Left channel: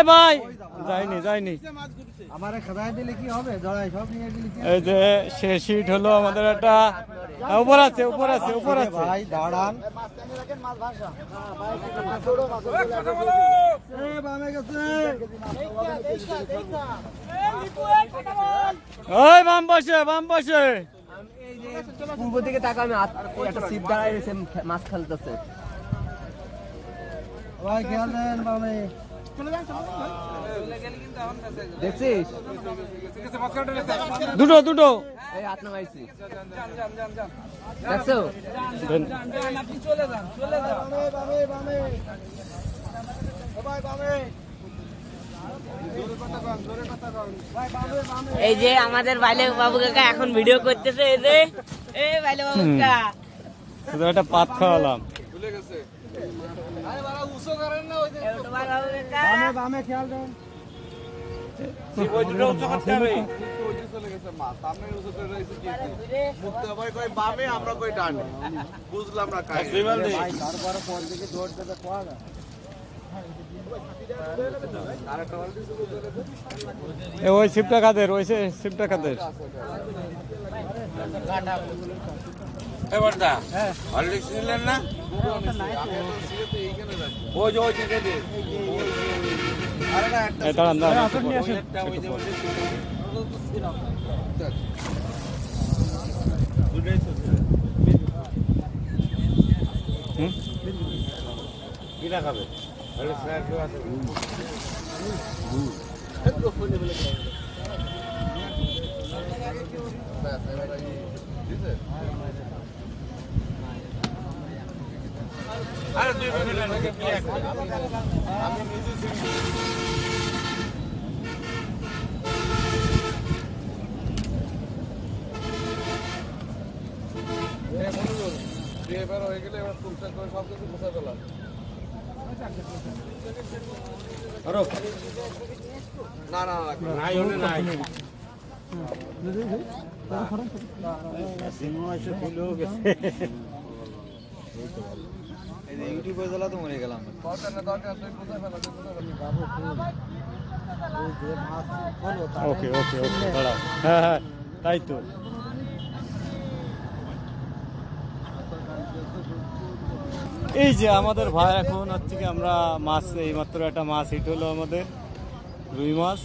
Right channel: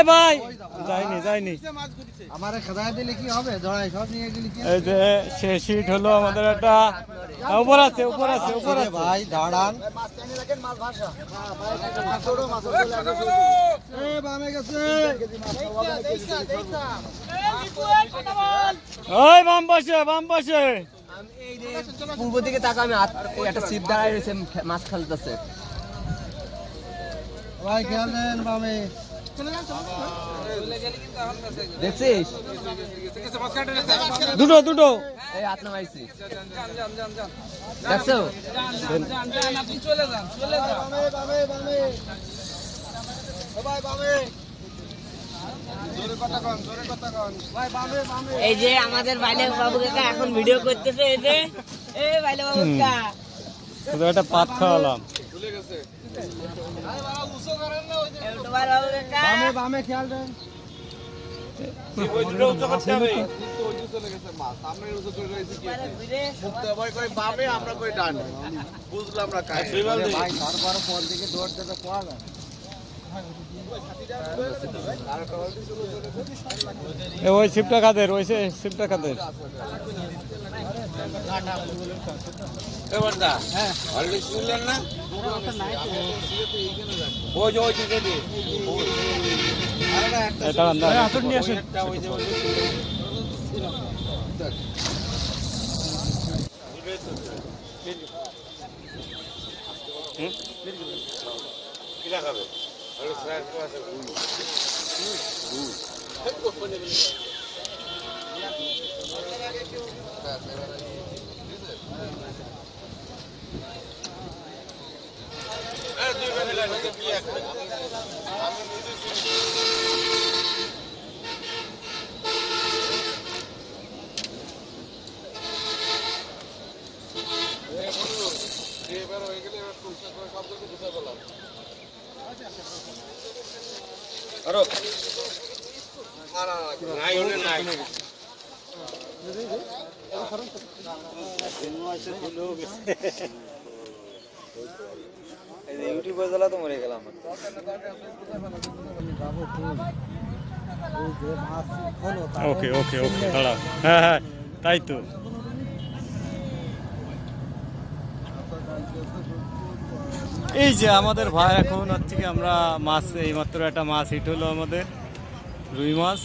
ভাই যাইনি যাইনি আমারে খাদায় দিলে কি হবে? ধরাই সব নিয়ে গেলি কি? এই যে সে শীট হলো আমাদের একটা উপর আছে ভাই দাঁড়ান। বামে গেছে ওই বাম পাশে পূর্ব দিকে তাকা, আমি একটা সিট দাঁড়ায় রয়েছে, মাছ খেলতেছে। ভাই খেয়াল দেন বামে। দেখছিস দুটো এই হাত নামাইছি, দেখছো? এই যে আমাদের বাইলে বাবু কাকা এখন ভিডিও করতেছে। এই যে এই বাইলে বাবু কাকা একটা পাত খাওয়ালাম। বামে বামে খেয়াল দেন। ভাই তারপরে কোন দিকে দৌড় দেবে কোয়া না। ওই শিপটা কাদের, শিপটা কাদের? ইউটিউবে জ্বালা তো মরে গেলাম। ওকে দাঁড়াও। হ্যাঁ তাই তো। এই যে আমাদের ভাই এখন হচ্ছে কি আমরা মাছ, এইমাত্র একটা মাছ হিট হলো আমাদের, রুই মাছ।